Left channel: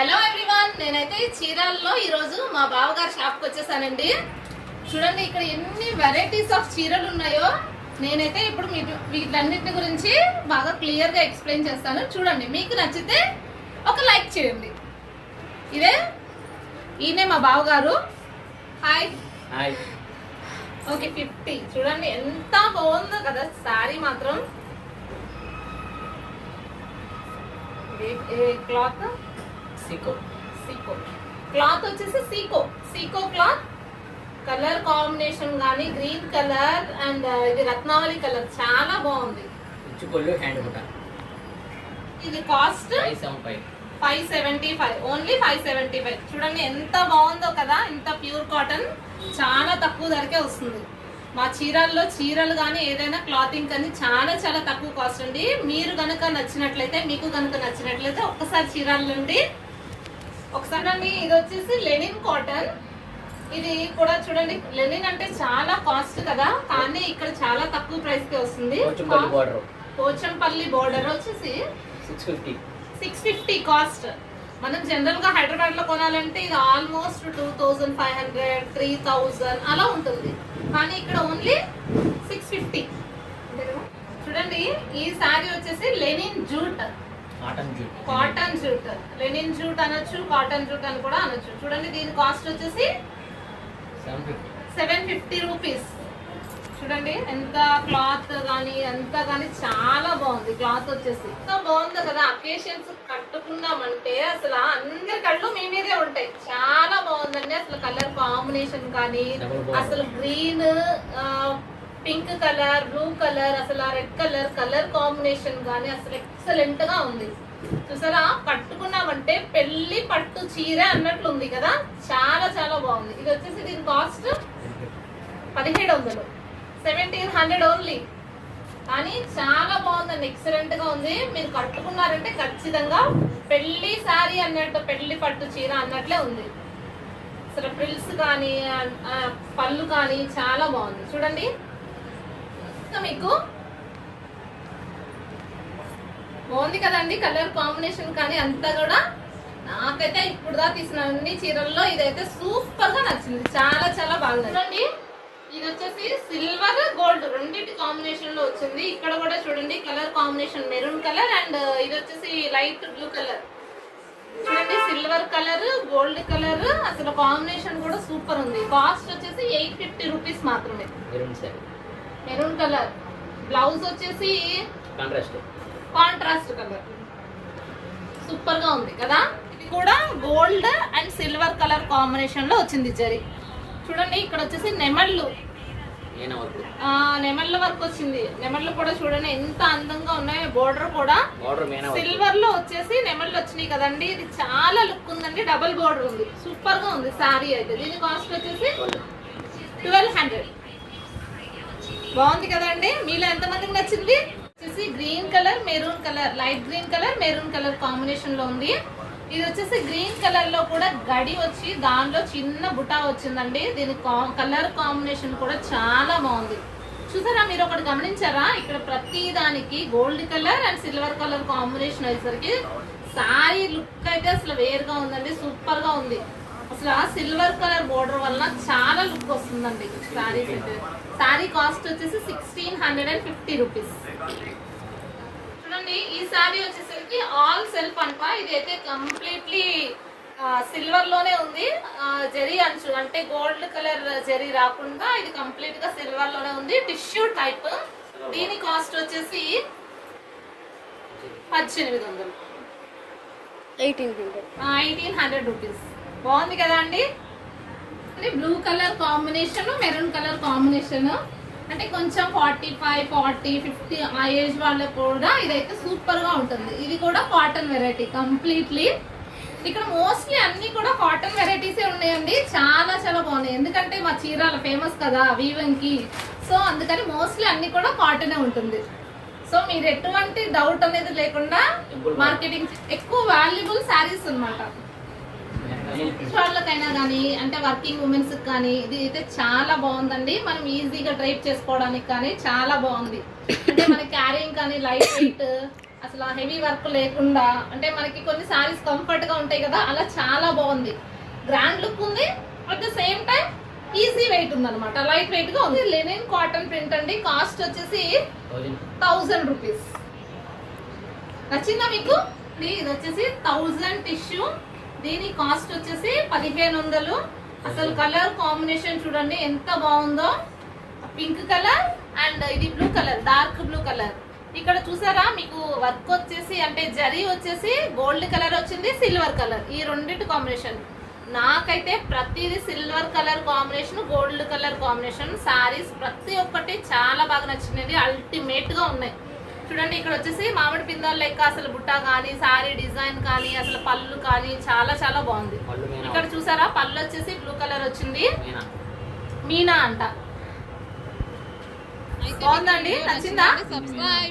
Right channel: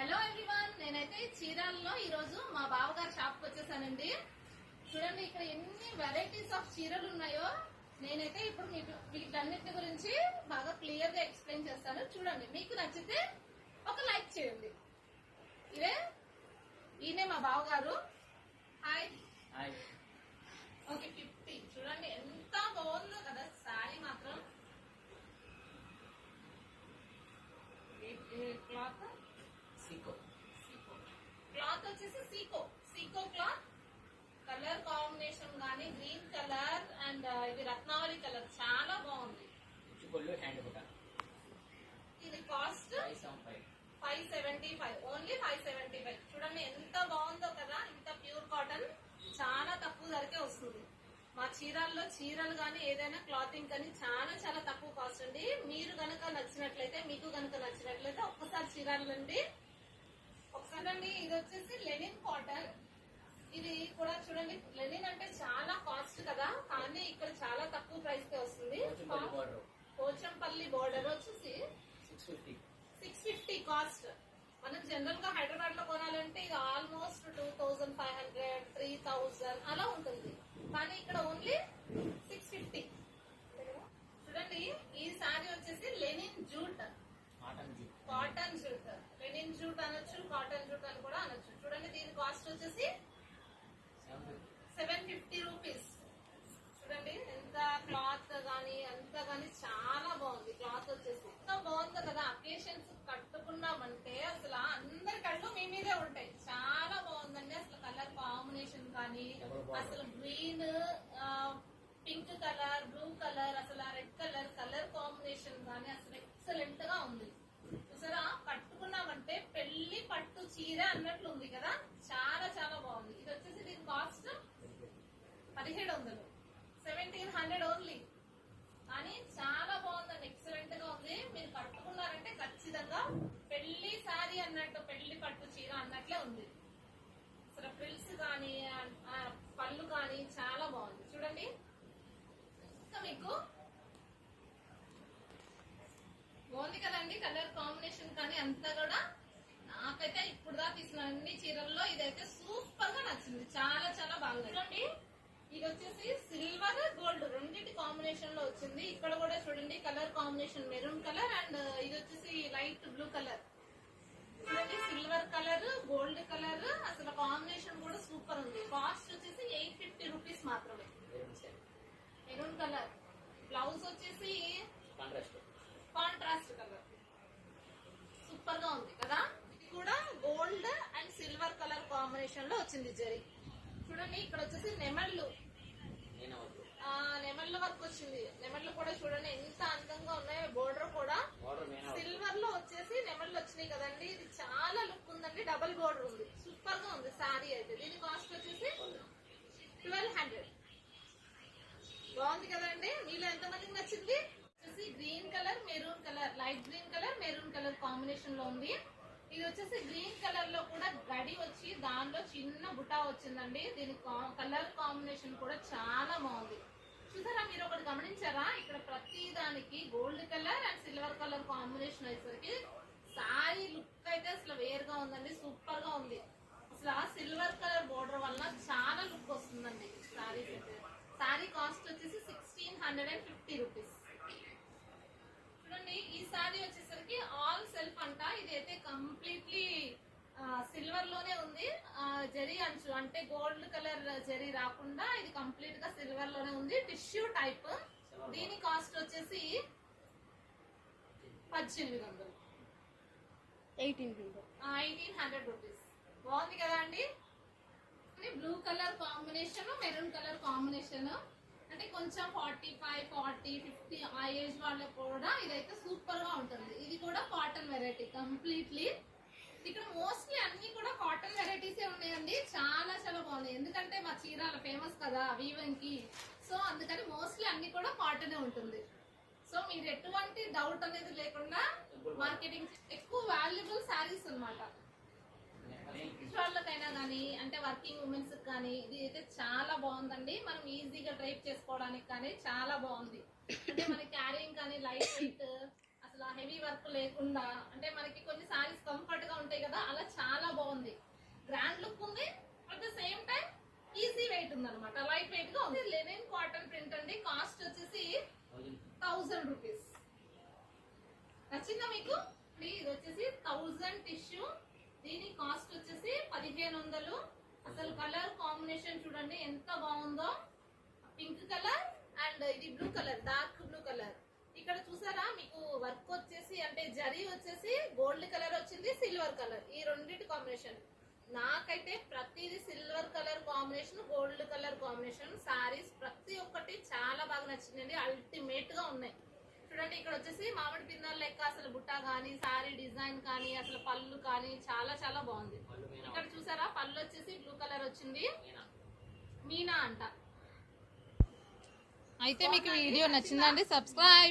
Hello everyone, నేనైతే చీరాల్లో ఈరోజు మా బావగారి షాప్కి వచ్చేసానండి. చూడండి ఇక్కడ ఎన్ని వెరైటీస్ ఆఫ్ చీరలు ఉన్నాయో. నేనైతే ఇప్పుడు వీటన్నిటిని గురించి బాగా క్లియర్గా ఎక్స్ప్లెయిన్ చేస్తాను. చూడండి, మీకు నచ్చితే ఒక లైక్ చేయండి. ఈయనే మా బావగారు. హాయ్. ఓకే, 50. చూడండి ఎంత బాగుందో కదా శారీ మాత్రం. క్లాత్ సీకో క్లాత్ వచ్చేసి సీకో క్లాత్. కలర్ కాంబినేషన్ గానీ గ్రీన్ కలర్ అండ్ ఇది రత్నావళి కలర్ చాలా బాగుంది. ఇది కాస్ట్ 575, ఓన్లీ 575. చూడండి ఎంత బాగుందో కదా. ఇంత ప్యూర్ కాటన్ చాలా తక్కువ ధరకే వస్తుంది. మా చీరల్లో చీరలు కానీ ఏదైనా క్లాతింగ్ కానీ చాలా చాలా తక్కువ కాస్ట్ అండి. మీరు కనుక మీకు కనుక నచ్చినట్లయితే ఒక్కసారి చీరల నుండి ఒకసారి అండి. ఇది వచ్చేసి లెనిన్ కాటన్. ఇది కూడా చూడండి, లెనిన్ అంటే చాలా కాస్ట్ కదా, కానీ ఇక్కడ చాలా తక్కువ ప్రైస్ కి వస్తుంది. పోచంపల్లి బోర్డర్ వచ్చేసి 650 కాస్ట్. మనం జనరల్ గా హైదరాబాద్ లో కొనాలంటే ఇది ఆల్మోస్ట్ 2500, 3000 అలా ఉంటుంది. కానీ ఇక్కడ ఓన్లీ 650. చూడండి, ఈ శారీ వచ్చేసి linen jute, cotton jute. Linen jute అనొచ్చు, కాటన్ జూట్ అని కూడా అనొచ్చు. చూడండి, దీని కాస్ట్ వచ్చేసి 750 రూపీస్. చూడండి ఎంత క్లాత్ కానీ అంతా కానీ చాలా బాగుంది. క్లాత్ వచ్చేసి ఎంత బాగుంది కదా. అకేషన్స్ కట్టుకున్నామంటే అసలు అందరి కళ్ళు మీ మీదే ఉంటాయి. చాలా బాగుందండి. అసలు కలర్ కాంబినేషన్ కానీ అసలు green, pink colour, blue colour, అసలు రెడ్ కలర్ కాంబినేషన్ కానీ అసలు ఎక్సలెంట్ గా ఉంది. చూసారా, కట్టుకున్నామంటే పెళ్లి పట్టు చీర అన్నట్లు ఉంది కదా. చాలా చాలా బాగుంది. ఇది వచ్చేసి దీని కాస్ట్ 1700, 1700 ఓన్లీ. కానీ చాలా బాగుందండి, ఎక్సలెంట్ గా ఉంది. మీరు కట్టుకున్నారంటే ఖచ్చితంగా పెళ్లి శారీ అన్నట్టు, పెళ్లి పట్టు చీర అన్నట్లే ఉంది. అసలు ఫ్రిల్స్ కానీ పళ్ళు కానీ చాలా బాగుంది. చూడండి, మీకు బాగుంది కదండి. కలర్ కాంబినేషన్ కానీ అంతా కూడా నాకైతే ఇప్పుడు దా తీసిన అన్ని చీరల్లో ఇదైతే సూపర్ గా నచ్చింది. చాలా చాలా బాగుంది. చూడండి, ఇది వచ్చేసి సిల్వర్ గోల్డ్ రెండింటి కాంబినేషన్ లో వచ్చింది. ఇక్కడ కూడా చూడండి colour combination maroon colour and ఇది వచ్చేసి లైట్ బ్లూ కలర్. చూడండి, సిల్వర్ కలర్, గోల్డ్ కలర్, అసలు కాంబినేషన్ కూడా సూపర్ ఉంది. కాస్ట్ వచ్చేసి 850 రూపీస్ మాత్రమే. Maroon colour. బ్లౌజ్ వచ్చేసి కాంట్రాస్ట్ కలర్. సూపర్ గా ఉంది కదా. ఇది కూడా gold and silver colour combination లో వచ్చింది జరీ. చూడండి, ఇక్కడ వచ్చేసి నెమళ్ళు వర్క్ వచ్చింది. నెమళ్ళు కూడా చూడండి ఎంత అందంగా ఉన్నాయో. బోర్డర్ కూడా సిల్వర్ లో వచ్చేసి నెమళ్ళు వచ్చినాయి కదండి. ఇది చాలా లుక్ ఉందండి. డబుల్ బోర్డర్ ఉంది. సూపర్ గా ఉంది శారీ అయితే. దీని కాస్ట్ వచ్చేసి 1200. బాగుంది కదండి. మీలో ఎంతమందికి నచ్చింది? వచ్చేసి green colour, maroon colour, light green colour, maroon colour combination లో ఉంది. ఇది వచ్చేసి గ్రీన్ కలర్ లో కూడా గడి వచ్చి దానిలో చిన్న బుటా వచ్చిందండి. దీని కలర్ కాంబినేషన్ కూడా చాలా బాగుంది. చూసారా, మీరు ఒకటి గమనించారా? ఇక్కడ ప్రతి దానికి gold colour and silver colour combination అయ్యేసరికి శారీ లుక్ అయితే అసలు వేరుగా ఉందండి. సూపర్ గా ఉంది. అసలు ఆ సిల్వర్ కలర్ బోర్డర్ వల్ల చాలా లుక్ వస్తుందండి శారీస్ అయితే. శారీ కాస్ట్ వచ్చేసి 1650 రూపీస్. చూడండి, ఈ శారీ వచ్చేసరికి ఆల్ సెల్ఫ్ అంట. ఇది అయితే కంప్లీట్లీ సిల్వర్ లోనే ఉంది. జరీ అంచు అంటే గోల్డ్ కలర్ జరీ రాకుండా ఇది కంప్లీట్ గా సిల్వర్ లోనే ఉంది. Tissue type. దీని కాస్ట్ వచ్చేసి 1800, 1800 రూపీస్. బాగుంది కదా అండి. Blue colour combination, maroon colour combination. అంటే కొంచెం 45, 40, 50 ఆ ఏజ్ వాళ్ళకు కూడా ఇదైతే సూపర్ గా ఉంటుంది. ఇది కూడా కాటన్ వెరైటీ కంప్లీట్లీ. ఇక్కడ మోస్ట్లీ అన్ని కూడా కాటన్ వెరైటీసే ఉన్నాయండి. చాలా చాలా బాగున్నాయి. ఎందుకంటే మా చీరాల ఫేమస్ కదా వీవింగ్ కి. సో అందుకని మోస్ట్లీ అన్ని కూడా కాటనే ఉంటుంది. సో మీరు ఎటువంటి డౌట్ అనేది లేకుండా మార్కెటింగ్ ఎక్కువ వాల్యుబుల్ శారీస్ అన్నమాట. వాళ్ళకైనా కానీ అంటే వర్కింగ్ ఉమెన్స్ కానీ ఇది అయితే చాలా బాగుందండి. మనం ఈజీగా డ్రైవ్ చేసుకోవడానికి కానీ చాలా బాగుంది. అంటే మన క్యారింగ్ కానీ లైట్ వెయిట్ అసలు హెవీ వర్క్ లేకుండా, అంటే మనకి కొన్ని సారీస్ కంఫర్ట్ గా ఉంటాయి కదా, అలా చాలా బాగుంది. గ్రాండ్ లుక్ ఉంది, at the same time easy weight ఉంది అనమాట, లైట్ వెయిట్ గా ఉంది. లెనిన్ కాటన్ ప్రింట్ అండి, కాస్ట్ వచ్చేసి 1000 రూపీస్. నచ్చిందా మీకు? ఇది వచ్చేసి 1000 టిష్యూ, దీని కాస్ట్ వచ్చేసి 1500. అసలు కలర్ కాంబినేషన్ చూడండి ఎంత బాగుందో, పింక్ కలర్ అండ్ ఇది blue colour, dark blue colour. ఇక్కడ చూసారా మీకు వర్క్ వచ్చేసి అంటే జరీ వచ్చేసి గోల్డ్ కలర్ వచ్చింది, సిల్వర్ కలర్, ఈ రెండింటి కాంబినేషన్. నాకైతే ప్రతిదీ silver colour combination, gold colour combination saris ప్రతి ఒక్కటి చాలా బాగా నచ్చింది, అల్టిమేట్ గా ఉన్నాయి. చూడండి ఇక్కడ వచ్చేసి మామిడి పిందెల లెక్క అసలు బుట్ట కానీ, సారీ డిజైన్ కానీ, అసలు పళ్ళు కానీ చాలా చాలా బాగుంది. ఇక్కడ చూసారా పళ్ళు వచ్చేసి బ్లూ కలర్ వచ్చింది, మీనా అంట. అయితే సబ్స్క్రైబ్